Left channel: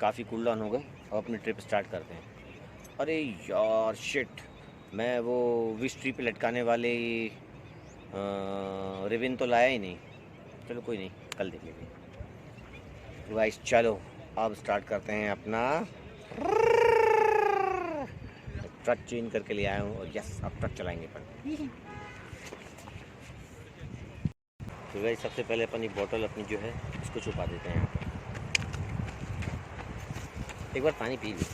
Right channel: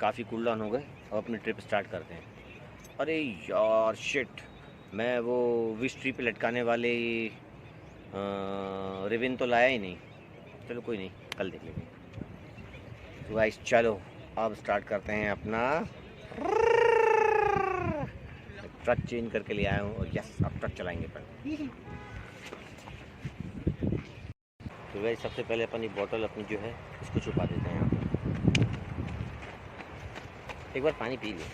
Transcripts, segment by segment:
काफ़ी cool down हो गए और अपनी ट्रिप स्टार्ट करते हैं। अरे यार शिट, मैं वो विश ट्री पे लटकाने वाले रिबन तो लाया ही नहीं। चलो कोई नहीं, कल देख लेंगे। तो गाइस चलो अब स्टार्ट करते हैं अपना। ट्रक चेंज करके ले आया हूँ और यस अब ट्रक चलाएंगे अपन। तो गाइस सबसे पहले अपनी बॉटल अपनी जो है इसको छुपा देते हैं यहाँ पे। एक बार पानी पी लो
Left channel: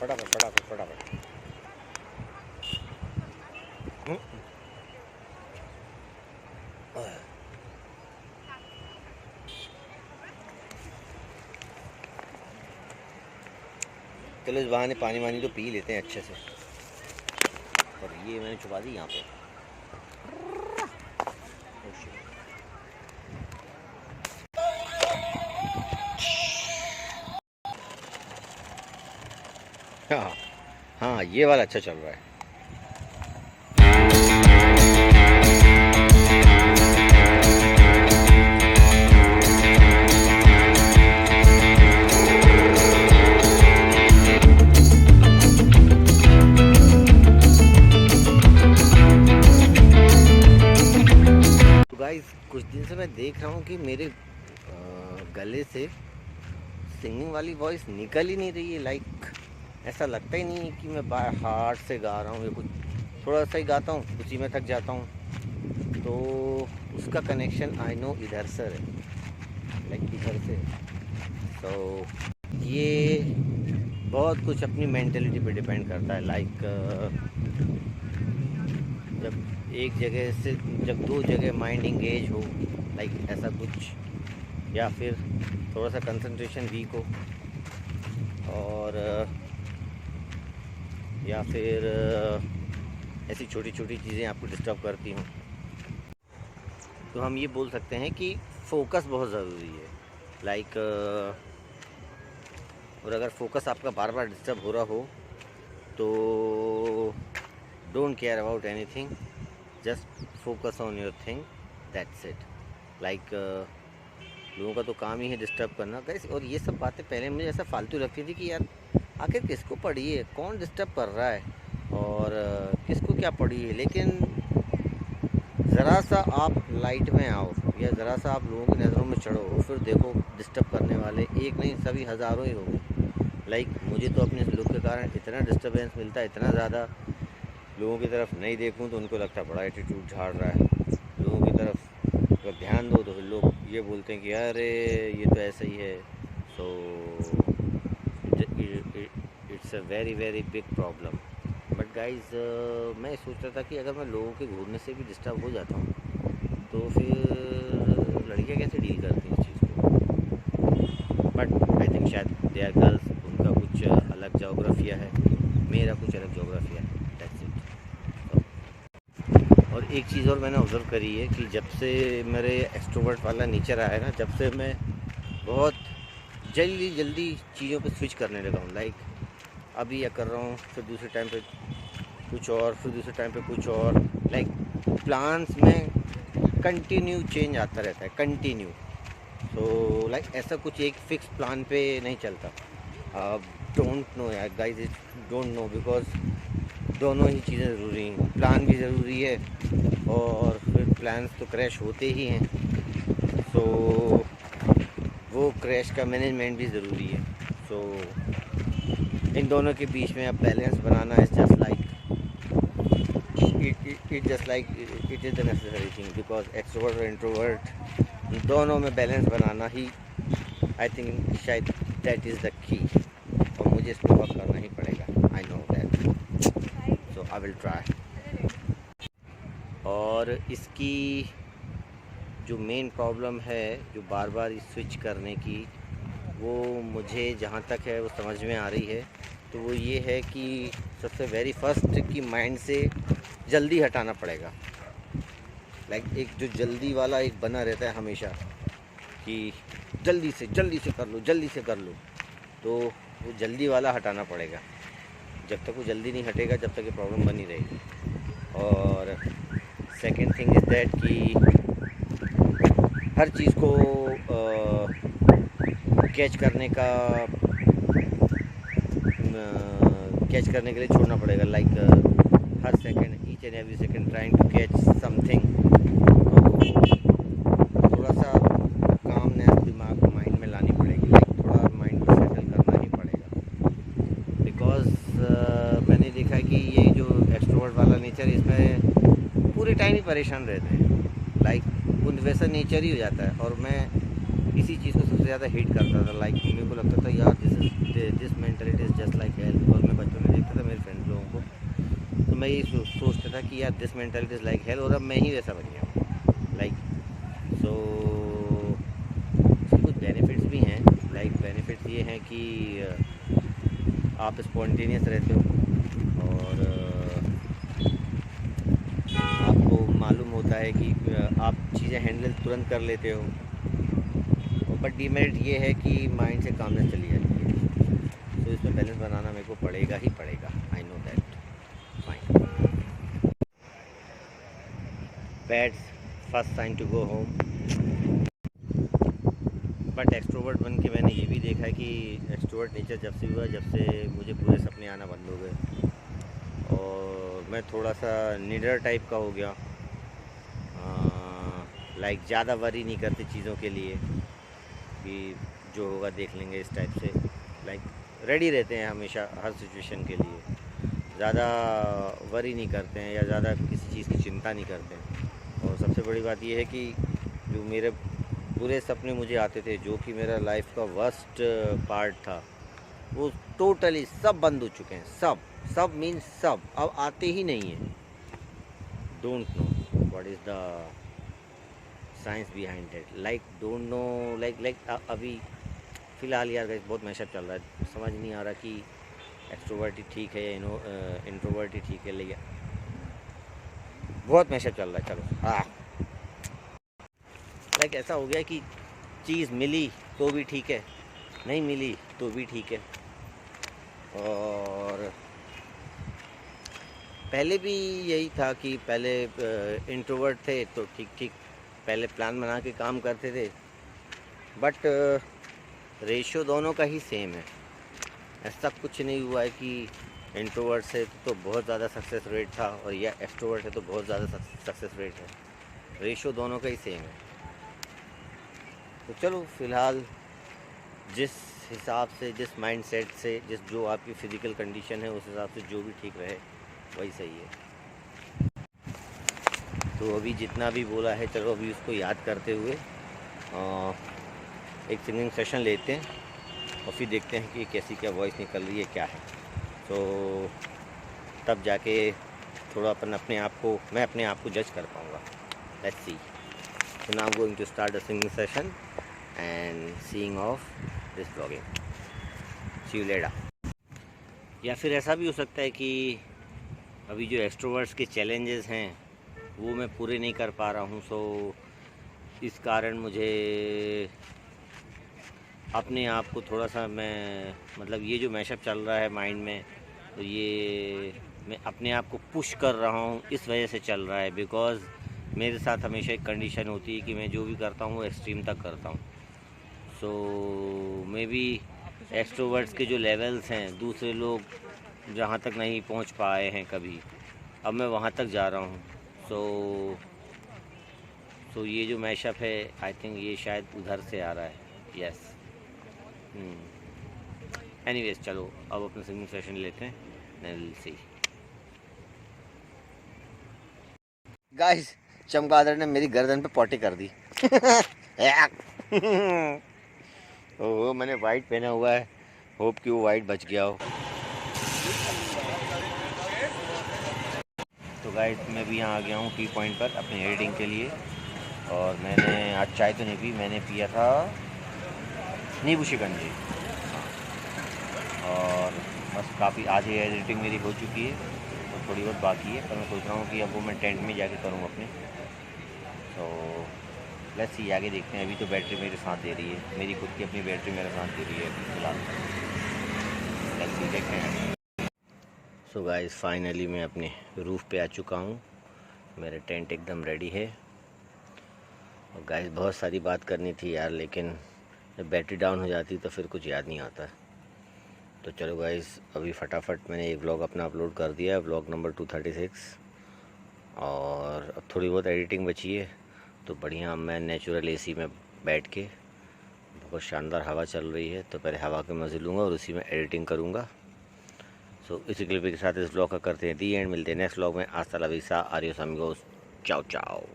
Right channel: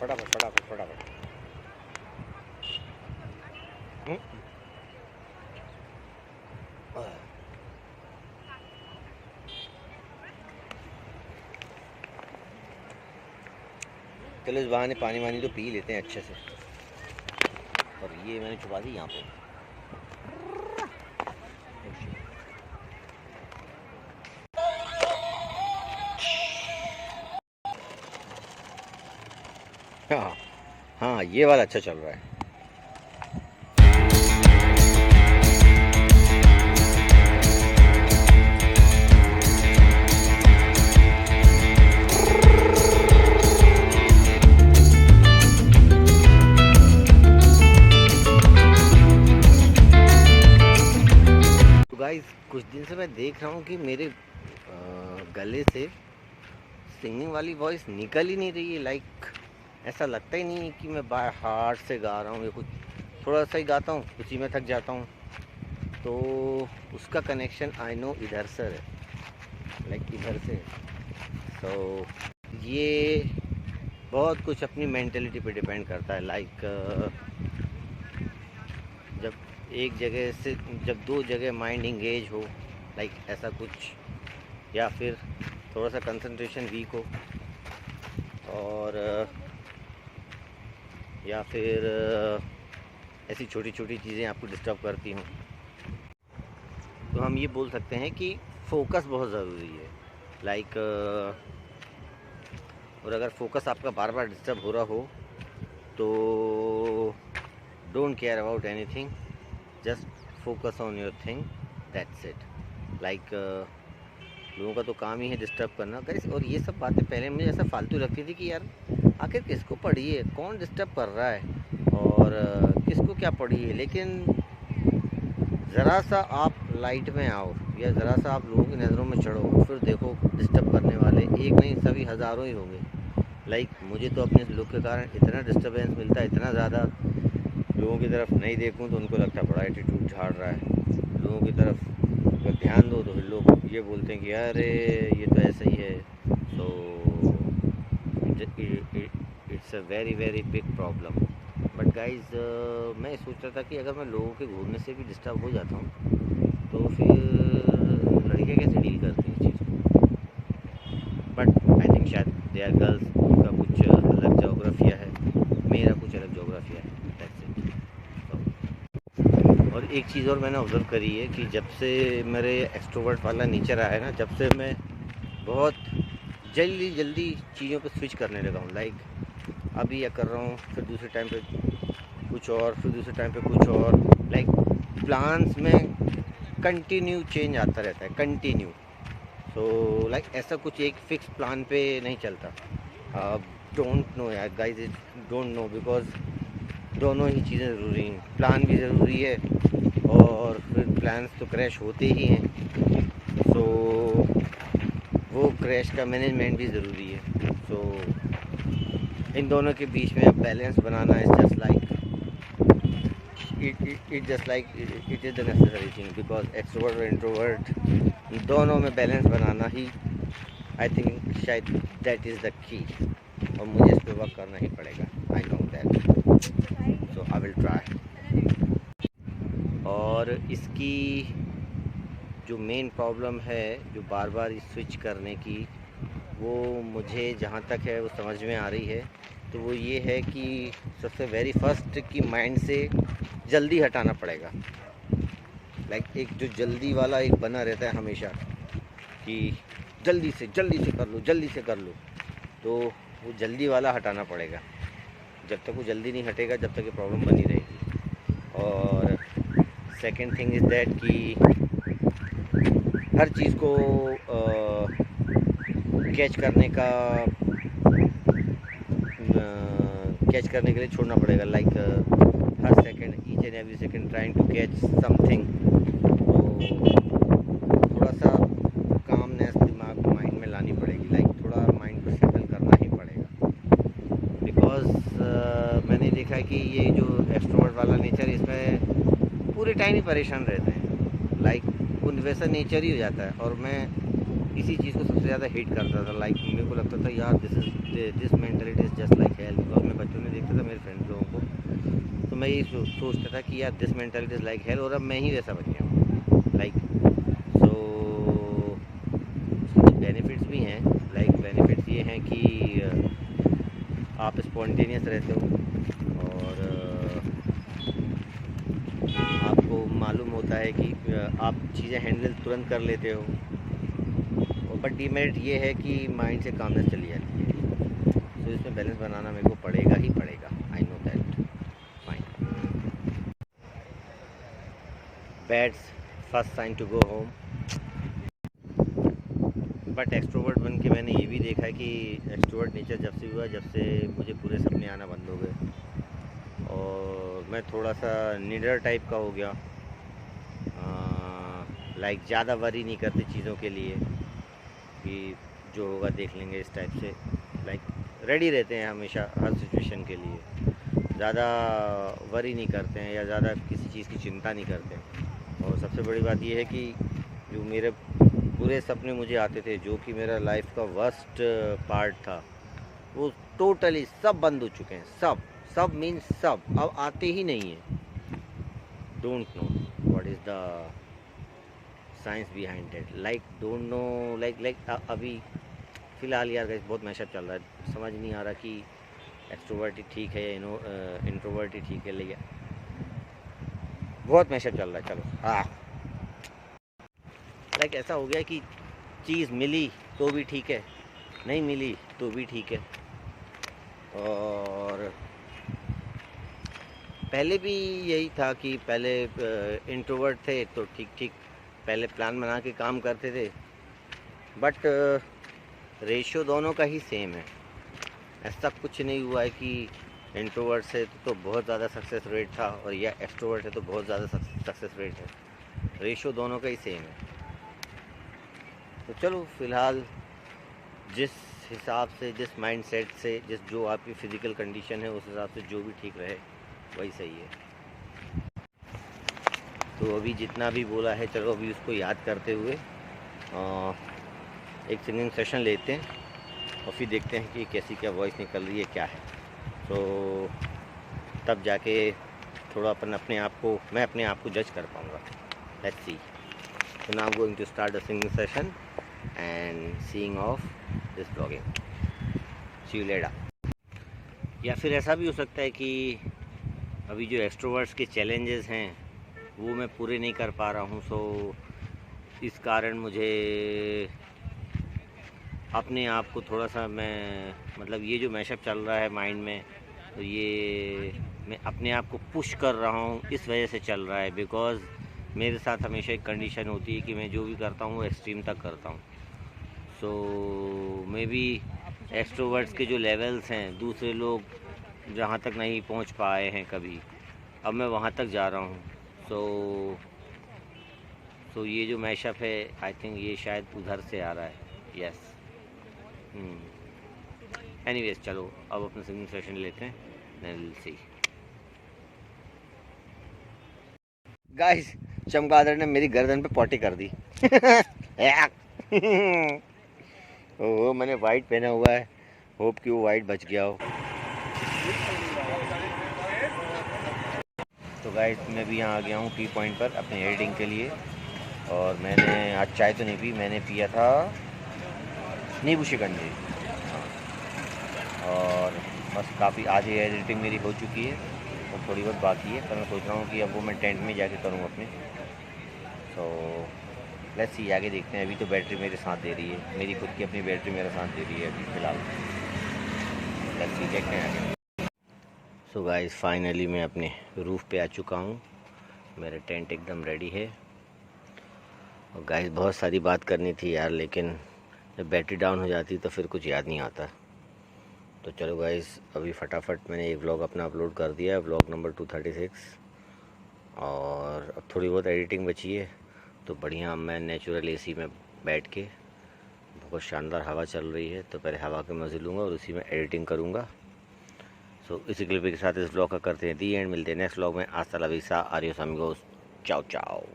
फटाफट फटाफट फटाफट। चलो इस बहाने पानी वानी तो पी लेते हैं अच्छे से। और ये मैंने छुपा दी यहाँ पे। हाँ हाँ, ये वाला अच्छा चल रहा है। तो गाइस कुछ दिन से मैं देख रहा हूँ कि मेरे गले से सिंगिंग वाली वॉइस निकल ही नहीं रही है। लाइक ऐसा लगता ही नहीं है कि मैं बाय हार्ट से गा रहा हूँ या कुछ। थोड़ा सा ही गाता हूँ उसी में थक जाता हूँ। तो उसका कनेक्शन आई नो इधर से है, लाइक इधर से। तो ये बहुत कुछ अपनी मेंटेलिटी पे डिपेंड करता है। लाइक जब एक जगह से जब दो जगह माइंड इंगेज हो, लाइक ऐसा कुछ, या फिर थोड़ा सा कंसंट्रेशन वीक हो, और या फिर ऐसी छोटी छोटी चीज़ें आपको डिस्टर्ब करती हों, तो हम ये बोल सकते हैं कि फोकस बहुत ज़रूरी है। लाइक और अगर फोकस आपका बार बार डिस्टर्ब हो रहा हो तो don't care about anything, just focus on your thing, that's it. Like लोगों का तो काम ही है डिस्टर्ब करना गाइस। और ये सब बातें पहले मुझे ऐसा फालतू लगती थी कि यार आखिर किसको पड़ी है, कौन डिस्टर्ब कर रहा है और किसको क्या पड़ी है। लेकिन ज़रा सा आप लाइट में आओ या ज़रा सा आप लोगों की नज़रों में चढ़ो, फिर देखो डिस्टर्ब करने वाले एक नहीं सभी हज़ारों ही होंगे। लाइक मुझे तो अपने लुक के कारण इतना डिस्टर्बेंस मिलता है, इतना ज़्यादा। लोगों की तरफ नहीं देखूं तो उनको लगता है बड़ा एटीट्यूड झाड़ रहा है। लोगों की तरफ अगर ध्यान दो तो फिर लोग ये बोलते हैं कि अरे ये तो ऐसा ही है। So it's a very very big problem. But guys मैं सोच रहा था कि अगर मैं लोगों के घूरने से भी डिस्टर्ब हो जाता हूँ तो फिर लड़कियाँ कैसे डील करती हैं इस चीज़ को। बट आई थिंक शायद दे आर गर्ल्स, उनका कुछ अलग जोग्राफिया है, मेरा कुछ अलग जोग्राफिया है, दैट्स इट। और एक चीज़ और मैंने ऑब्ज़र्व करी है कि जब से मेरे एक्सट्रोवर्ट वाला नेचर आया ना, जब से मैं बहुत जल्दी जल्दी चीज़ों पे स्विच करने लगा हूँ। लाइक अभी यह कर रहा हूँ, फिर दूसरे टाइम पे कुछ और, फिर दूसरे टाइम पे कुछ और। लाइक प्लान्स में कंटिन्यू चेंज आता रहता है, कंटिन्यू। तो लाइक ऐसा कुछ एक फिक्स प्लान पे नहीं चलता। डोंट नो यार गाइस, डोंट नो, बिकॉज दोनों ही चीज़ें ज़रूरी हैं। प्लान भी ज़रूरी है और फिर प्लान्स तो क्रैश होते ही हैं, तो वो क्रैश का मैनेजमेंट भी ज़रूरी है। तो इन दोनों के बीच में अब balance banana is just like it just like it is the necessary thing, because extrovert और इंट्रोवर्ट दोनों में balance banana he I think शायद दैट इज़ द की। और मुझे इस पर वर्क करना ही पड़ेगा, I know that, so I will try. और इसकी जो मेन प्रॉब्लम है, जो बार बार स्विच करने की, वो मुझे जहाँ तक है वो समझ में आ रही है। तो वो ये है कि सबसे वेरी फर्स्ट की माइंड से जल्दी हटाना पड़ेगा। लाइक एक जो जल्दी वाला एक बना रहता है हमेशा कि जल्दी से कर लो, जल्दी से कर लो, तो वो जल्दी वाला हटाना पड़ेगा। जब तक वो जल्दी नहीं हटेगा जब तक ये प्रॉब्लम बनी रहेगी। और सेकंड थिंग इज़ दैट कि हर चीज़ को कैच करने का कैच करने के लिए छोड़ना पड़ेगा। लाइक हर second, each and every second trying to catch something. तो थोड़ा सा कामनेस दिमाग को, माइंड में लानी पड़ेगी। लाइक थोड़ा माइंड को सेटल करना ही पड़ेगा। बिकॉज मैंने देखा है कि ये जो एक्सट्रोवर्ट वाला नेचर, इसमें पूरे टाइम ही परेशान रहते हैं। लाइक उन वैसा नेचर ही हो जाता है। और मैं इसी चीज़ को सबसे ज़्यादा हेट करता था। लाइक मेरे को लगता था यार this mentality is just like hell. Because मैं बच्चों में देखता था मेरे फ्रेंड्स लोगों को, तो मैं ये सोचता था कि यार this mentality is like hell, और अब मैं ही वैसा बन गया हूँ। लाइक सो कुछ बेनिफिट्स भी हैं। लाइक बेनिफिट्स ये हैं कि आप स्पॉन्टेनियस रहते हो, और आपको मालूम होता है कि आप चीज़ें हैंडल तुरंत कर लेते हो। बट डीमेरिट ये है कि माइंड से कामनेस चली जाती है। तो इसमें बैलेंस बनाना मेरे को पड़ेगा ही पड़ेगा। I know that. Fine. Pats first sign to go home. But extrovert बन के मैंने ये भी देखा है कि एक्सट्रोवर्ट नेचर जब से हुआ, जब से मुझे पूरे सपने आना बंद हो गए, और मैं थोड़ा सा निडर टाइप का हो गया। लाइक ज़्यादा वरी नहीं करते चीज़ों के लिए कि जो होगा देख लेंगे, इस टाइप से। लाइक रेडी रहते हैं हमेशा हर सिचुएशन के लिए। ज़्यादा वरी नहीं करते हैं या ज़्यादा किसी चीज़ की चिंता नहीं करते हैं। और सबसे बड़ी बात यह है कि जो मेरे बुरे सपने मुझे आते थे, जो कि मेरा लाइफ का वर्स्ट पार्ट था, वो टोटली सब बंद हो चुके हैं। सब मीन्स सब अब आते ही नहीं हैं। Don't know what is the science behind it. Like don't know, like अभी फ़िलहाल यार गाइस बहुत मैशअप चल रहा है। समझ नहीं आ रहा कि एक्सट्रोवर्ट ही ठीक है या इंट्रोवर्ट ही ठीक है। लेकिन बहुत मैशअप चल रहा है। चलो लाइक ऐसा हो गया कि चीज़ मिली तो भी ठीक है, नहीं मिली तो भी ठीक है। और पहले भी यही था कि पहले इंट्रोवर्ट थे तो ठीक पहले प्लान बना के काम करते थे। बट रेशियो दोनों का ही सेम है। ऐसा कुछ नहीं हुआ है कि इंट्रोवर्ट से तो बहुत ज़्यादा सक्सेस रेट था, और या एक्सट्रोवर्ट है तो बहुत ज़्यादा सक्सेस रेट है। रेशियो दोनों का ही सेम है। तो चलो फ़िलहाल जिस हिसाब से, जिस माइंडसेट से, जो आपकी फ़िज़िकल कंडीशन है, उस हिसाब से जो भी ठीक रहे वही सही है। तो अभी जितना भी बोला है, चलो अभी उसको याद करते हुए एक सिंगिंग सेशन लेते हैं, और फिर देखते हैं कि कैसी क्या वॉइस निकल रही है, क्या है। तो तब जाके थोड़ा मैं अपने आप को जज कर पाऊँगा। Let's see. So now I'm going to start the singing session and seeing off this vlogging. See you later. या फिर ऐसा भी हो सकता है कि अभी जो एक्सट्रोवर्ट्स के चैलेंजेस हैं वो मैं पूरे नहीं कर पा रहा हूँ। सो इस कारण मुझे अपने आप को थोड़ा सा, मतलब ये जो मैशअप चल रहा है माइंड में, तो ये मैं अपने आप को पुश कर रहा हूँ, इस वजह से चल रहा है। बिकॉज़ मेरे साथ हमेशा एक कंडीशन होती है कि मैं जो भी करता हूँ वो एक्सट्रीम तक करता हूँ। सो मे बी एक्सट्रोवर्ट्स के जो लेवल्स हैं, दूसरे लोग जहाँ तक नहीं पहुँच पाए हैं कभी, अब मैं वहाँ तक जा रहा हूँ। सो ये जो मैशअप है, आई थिंक ये शायद उधर से आ रहा है। यस। एनीवेज, चलो अब अपना सिंगिंग सेशन लेते हैं। Will see. गाइस, चमगादड़ ने मेरी गर्दन पे पॉटी कर दी। ओह, मैंने वाइट पहना हुआ है। होप कि वो वाइट बच गया हो। तो गाइस, मैं भी यहाँ आ गया हूँ टी पॉइंट पर अपनी एडिटिंग के लिए। और मैंने आज चाय तो नहीं पी, मैंने पिया था नींबू शिकंजी। हाँ, और बस काफ़ी आज ये एडिटिंग मेरी हो चुकी है, तो थोड़ी बहुत बाकी है। पर मैं सोच रहा हूँ कि अब वो मैं टेंट में जाके करूँ अपने। तो लेट्स सी, आगे देखते हैं। अभी तो बैटरी मेरे साथ दे रही है, मेरी खुद की अपनी बैटरी मेरे साथ दे रही है अभी फ़िलहाल। लेट्स सी, देखते हैं। सो गाइस, फाइनली मैं अपने रूफ़ पे आ चुका हूँ। मेरा टेंट एकदम रेडी है, और गाइस बहुत सारी बात करनी थी यार, लेकिन जब बैटरी डाउन हो जाती तो फिर कुछ याद नहीं आता। तो चलो गाइस, अभी फटाफट मैंने एक व्लॉग अपना अपलोड कर दिया है, व्लॉग नंबर 236। और अब थोड़ी बहुत एडिटिंग बची है, तो बढ़िया मैं नेचुरल एसी में बैठ के, बहुत शानदार हवा चल रही है, तो पहले हवा के मज़े लूँगा और उसी में एडिटिंग करूँगा। सो इसी क्लिप के साथ इस व्लॉग का करते हैं दी एंड। मिलते हैं नेक्स्ट व्लॉग में। हasta la vista, adiós amigos, चाओ चाओ।